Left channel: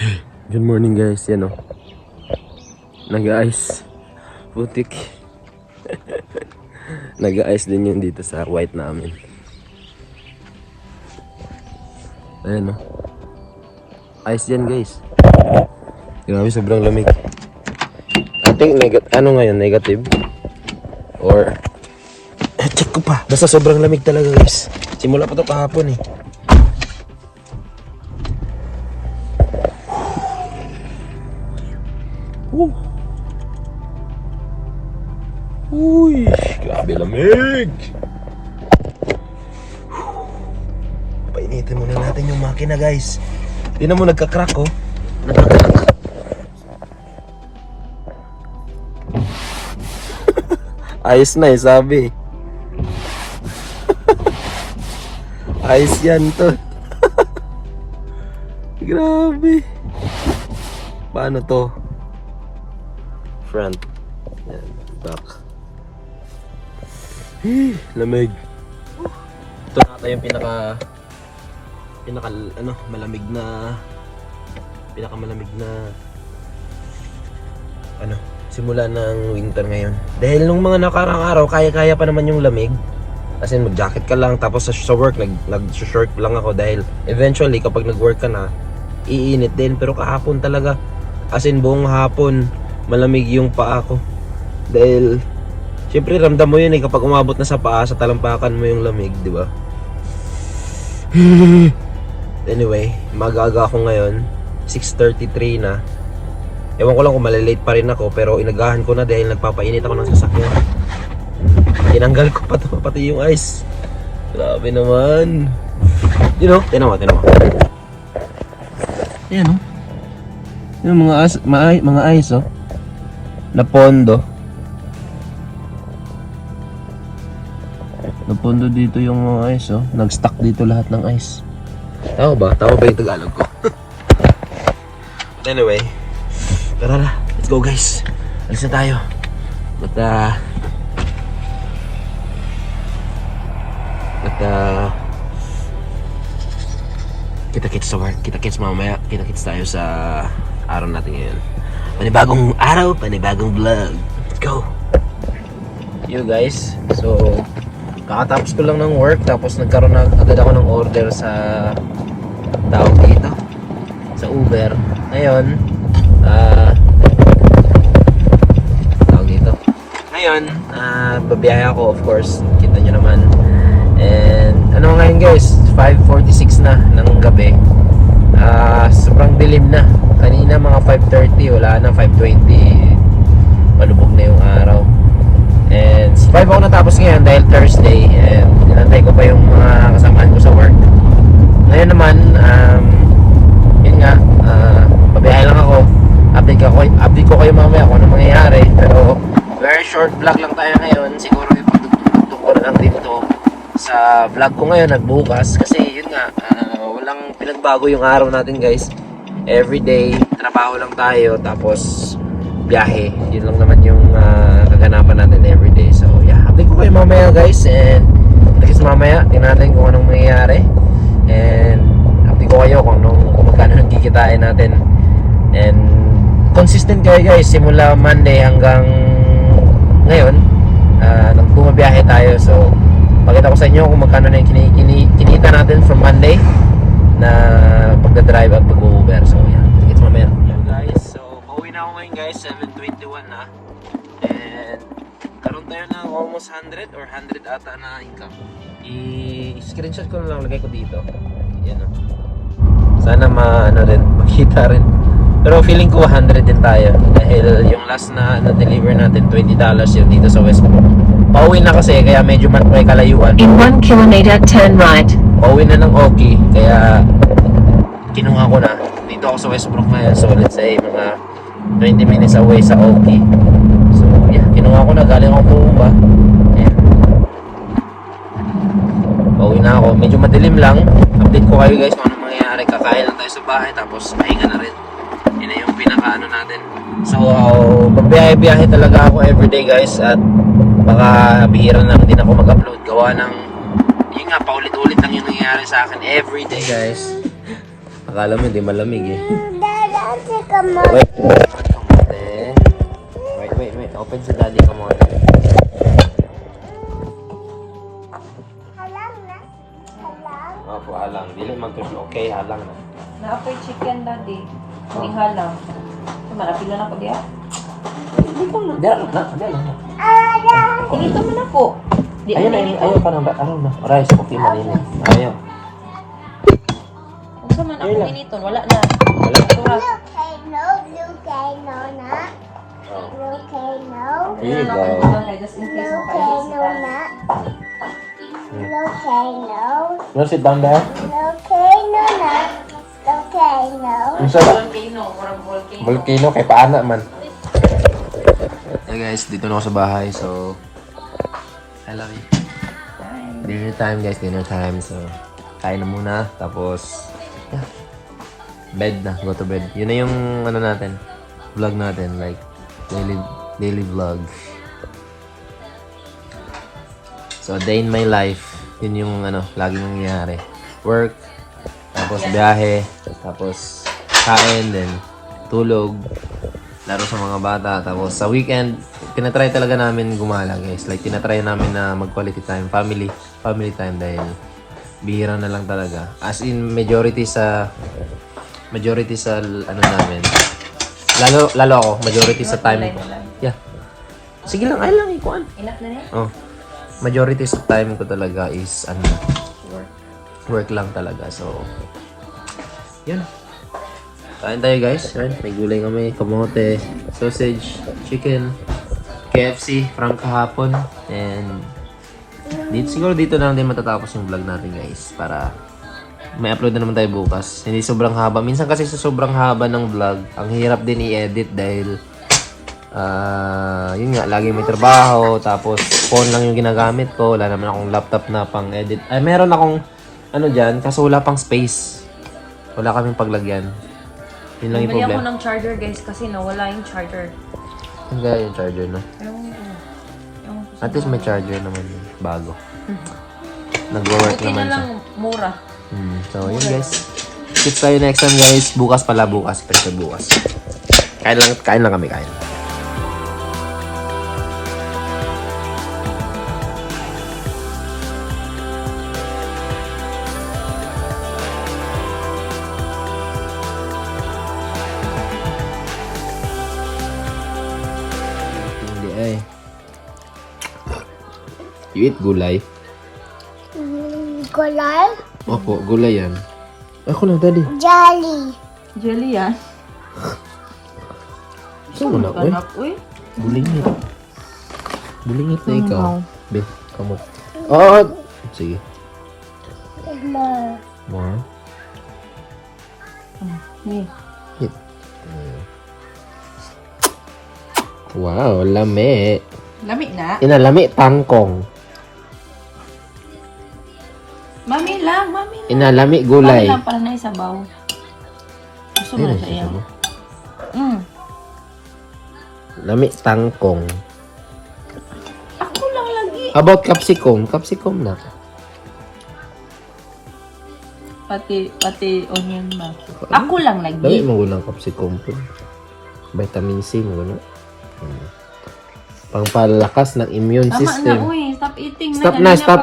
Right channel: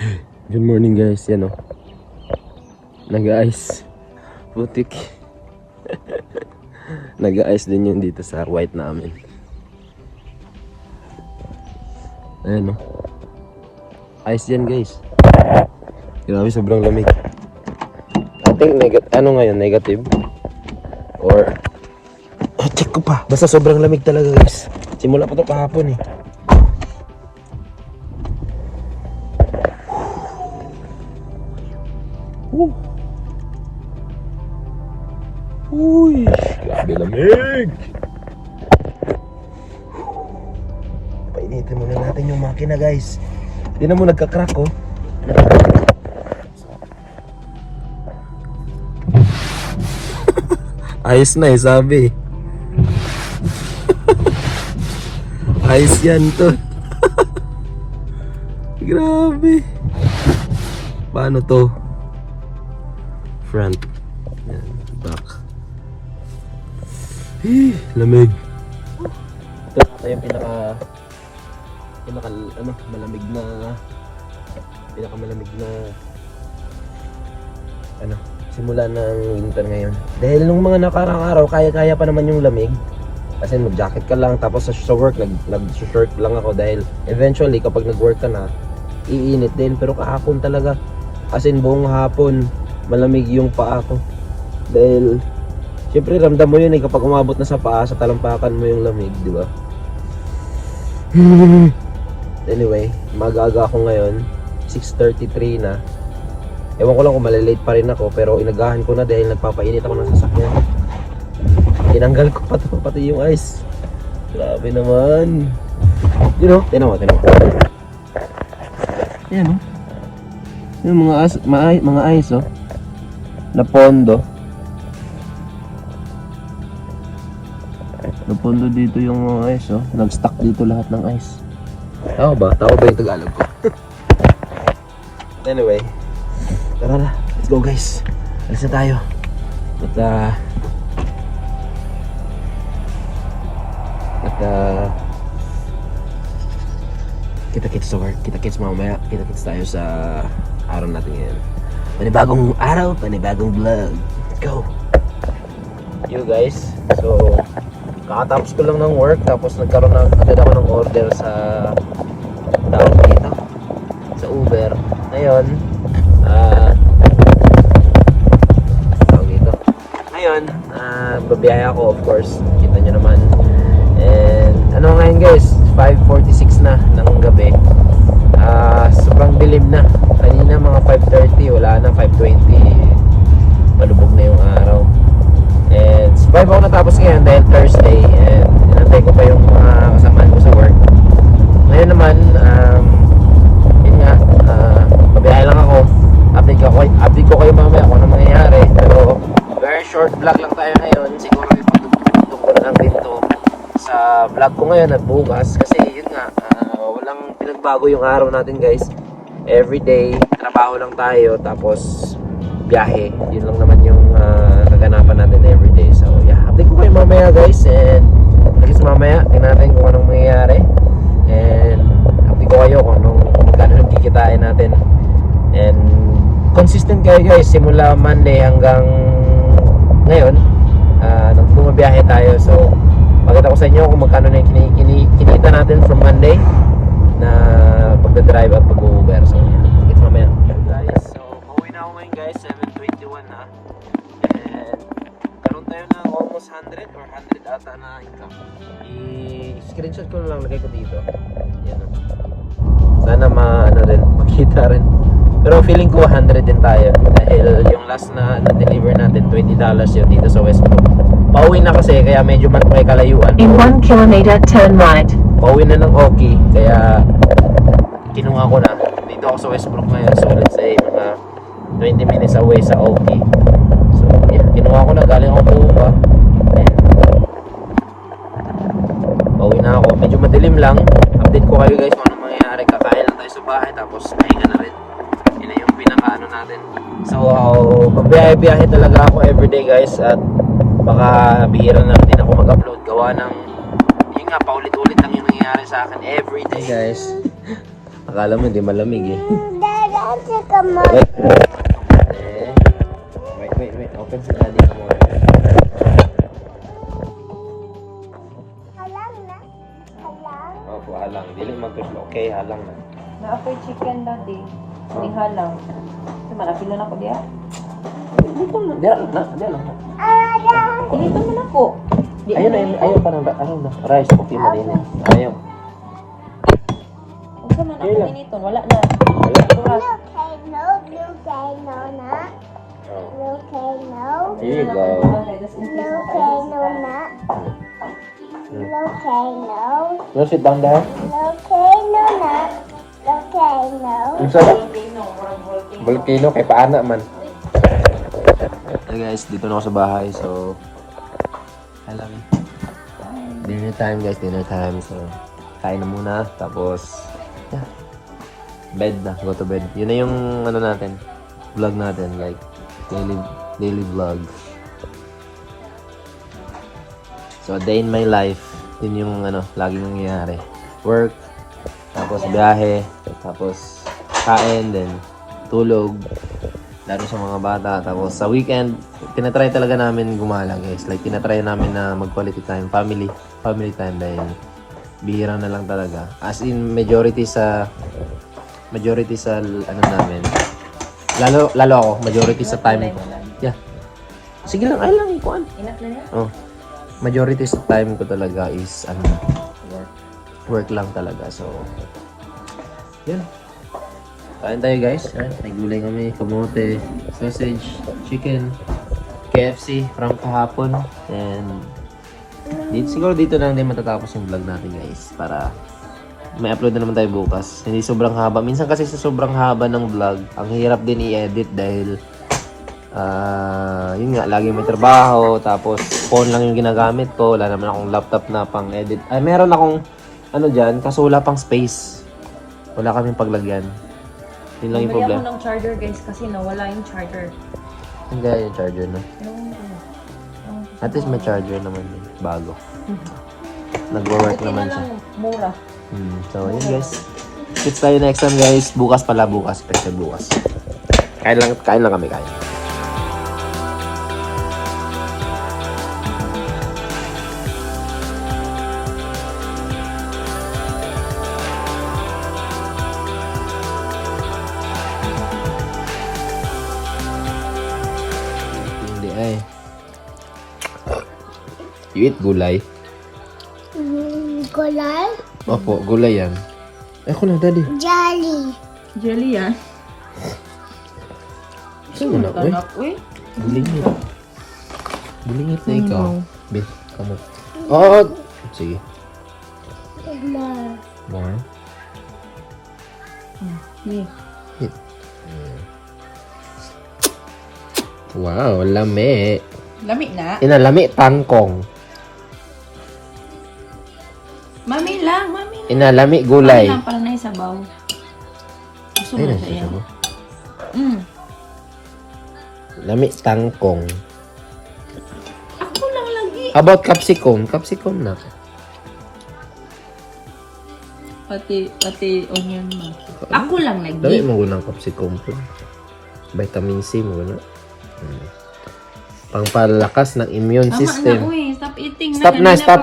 Good morning guys, yan o. Nag-ice. Putik. Nag-ice din yun dito sa white namin. Ayan o. Ice yan guys. Grabe, sobrang lamig. I think ano ngayon, negative? Or check ko pa. Basta sobrang lamig talaga guys. Simula pa to kahapon eh. Uy, grabe lamig. Painitin muna natin yung makina guys. Tingnan mo, nagka-crack oh. Nagka-crack. Ayos na eh, sabi. Ayos yan to. Grabe. Paano to? Front. Yan, back. Lamig. Ito na yung pinaka malamig na simula ng winter ngayon. Dahil nung mga nakarang araw, kaya-kaya pa naman yung lamig. Kasi mag-jacket ka lang, tapos sa work nag-short lang ako dahil eventually kapag nag-work ka na, iinit din. Pero kahapon talaga, as in buong hapon, malamig yung paa ko. Dahil siyempre ramdam mo yun eh kapag umabot na sa paa, sa talampakan mo yung lamig, di ba? Anyway, magaga ako ngayon, 6:33 na. Ewan ko lang kung malilate pa rin ako, pero inagahan ko na dahil nagpapainit ako ng sasakyan. Tinanggal ko pati yung ice. Grabe naman. You know, tinan mo. Ayan oh. Yung mga ice oh. Na pondo. Napondo dito yung mga ice oh. Nag-stack dito lahat ng ice. Tama ba? Tama ba yung Tagalog ko? Anyway, tara, let's go guys. Alis na tayo. Kita-kits sa work. Kita-kits mamaya. Kita-kits tayo sa araw natin ngayon. Panibagong araw, panibagong vlog. Let's go! You guys, so kakatapos ko lang ng work, tapos nagkaroon agad ako ng order sa tawag dito, sa Uber. Ngayon, tawag dito. Ngayon, babiyahe ako, of course, kita nyo naman. And ano ngayon guys, 5:46 na ng gabi. Sobrang dilim na. Kanina mga 5:30, wala na, 5:20. Palubog na yung araw. And 5 ako natapos ngayon dahil Thursday. And inantay ko pa yung mga kasamahan ko sa work. Ngayon naman, yun nga, pabiyahe lang ako. Update ko kayo mamaya kung ano mangyayari. Pero very short vlog lang tayo ngayon. Siguro ipagtutong ko na lang din to sa vlog ko ngayon at bukas. Kasi yun nga, walang pinagbago yung araw natin guys. Everyday, trabaho lang tayo. Tapos biyahe. Yun lang naman yung kaganapan natin everyday. So yeah, update ko kayo mamaya guys. And mamaya, tingnan natin kung anong mangyayari. And update ko kayo kung magkano nagkikitain natin. And consistent kayo guys, simula Monday hanggang ngayon, nagbumabiyahe tayo. So pakita ko sa inyo kung magkano na yung kinita natin from Monday na pagdadrive at pag-Uber. So yeah, tickets mamaya guys. So pauwi na ako ngayon guys, 7:21 na. And karoon tayo ng almost 100 or 100 ata na income. I-screenshot ko na lang, lagay ko dito. Yan o. Sana makita rin. Pero feeling ko 100 din tayo. Dahil yung last na na-deliver natin, $20 yun dito sa Westbrook. Pauwi na kasi, kaya medyo may kalayuan. In 1 kilometer, turn right. Pauwi na ng Oki, kaya kinuha ko na. Dito ako sa Westbrook ngayon. So let's say mga 20 minutes away sa Oki. So yeah, kinuha ko na. Galing ako Puma. Ayan. Pauwi na ako. Medyo madilim lang. Update ko kayo guys kung anong mangyayari. Kakain lang tayo sa bahay, tapos pahinga na rin. Yun na yung pinaka natin. So magbiyahe-biyahe talaga ako everyday guys. At baka bihira na din ako mag-upload. Gawa ng yun nga, paulit-ulit lang yung nangyayari sa akin everyday guys. Akala mo hindi malamig eh. Wait. Wait. Open si Daddy kamote. Opo, halang. Dili mag-push. Okay, halang na. Na-apoy chicken daddy. May halak. Marapil na ako diya. Dito na. Diyan na. Dito man ako. Di Ayun na. ako Ayaw pa ng na. Rice, okay, malinit. Ayaw. Kung saan man ako Ayun lang. miniton, wala na. Wala. Turas. Oh. Here you go. Just in case makakita. We'll sit down there. Kung sa Volcano, parang volcano. volcano, kay paana man. Hey guys, dito na ako sa bahay. So, I love it. Dinner time guys, dinner time. So, kain na muna. Tapos, yeah. Bed na, go to bed. Yun na yung ano natin, vlog natin. Like, daily vlog. So, day in my life. Yun yung ano, laging nangyayari. Work, tapos biyahe, tapos kain, then tulog, laro sa mga bata. Tapos sa weekend, tinatry talaga namin gumala guys. Like, tinatry namin na mag-quality time, family time dahil bihira na lang talaga. As in, majority sa ano namin. Lalo ako, majority sa time ko. Yeah. Sige lang, ay lang, ikuan. Enough na yan? Oh. Majority sa time ko talaga is ano, work lang talaga. So, yan. Kain tayo guys. Yan. May gulay kami, kamote, sausage, chicken, KFC, from kahapon. And siguro dito na lang din matatapos yung vlog natin guys. Para may upload na naman tayo bukas. Hindi sobrang haba. Minsan kasi sa sobrang haba ng vlog, ang hirap din i-edit dahil yun nga, lagi may trabaho, tapos phone lang yung ginagamit ko, wala naman akong laptop na pang edit. Ay, meron akong ano dyan, kaso wala pang space. Wala kaming paglagyan. Yun lang yung Bili ako problema. ng charger guys kasi nawala yung charger. Hindi yung charger na. At least may charger naman bago. Nagwo-work Okay naman na siya. lang, mura. So, yun guys. Sit tayo next time guys. Bukas, special bukas. Kain lang kami. Hindi ay. You eat gulay? Gulay? Opo, gulay yan. Ako na, daddy. Jolly. Jelly yan. Saan mo na, uy? Uy. Bulingit na ikaw. Be, come on. Oh! Sige. More. More? Hey. Wow, lami. Lami na. Inalami tangkong. Mami lang. Inalami gulay. Mami lang pala na isabaw. Gusto mo siya yan. Lami tangkong. Ako lang lagi. How about capsicum? Capsicum na. Pati onion ba? Ako lang Dali lagi. mo ng capsicum po. Vitamin C mo na. Pangpalakas ng immune Tama system. na, uy. Stop eating Stop na. na, stop.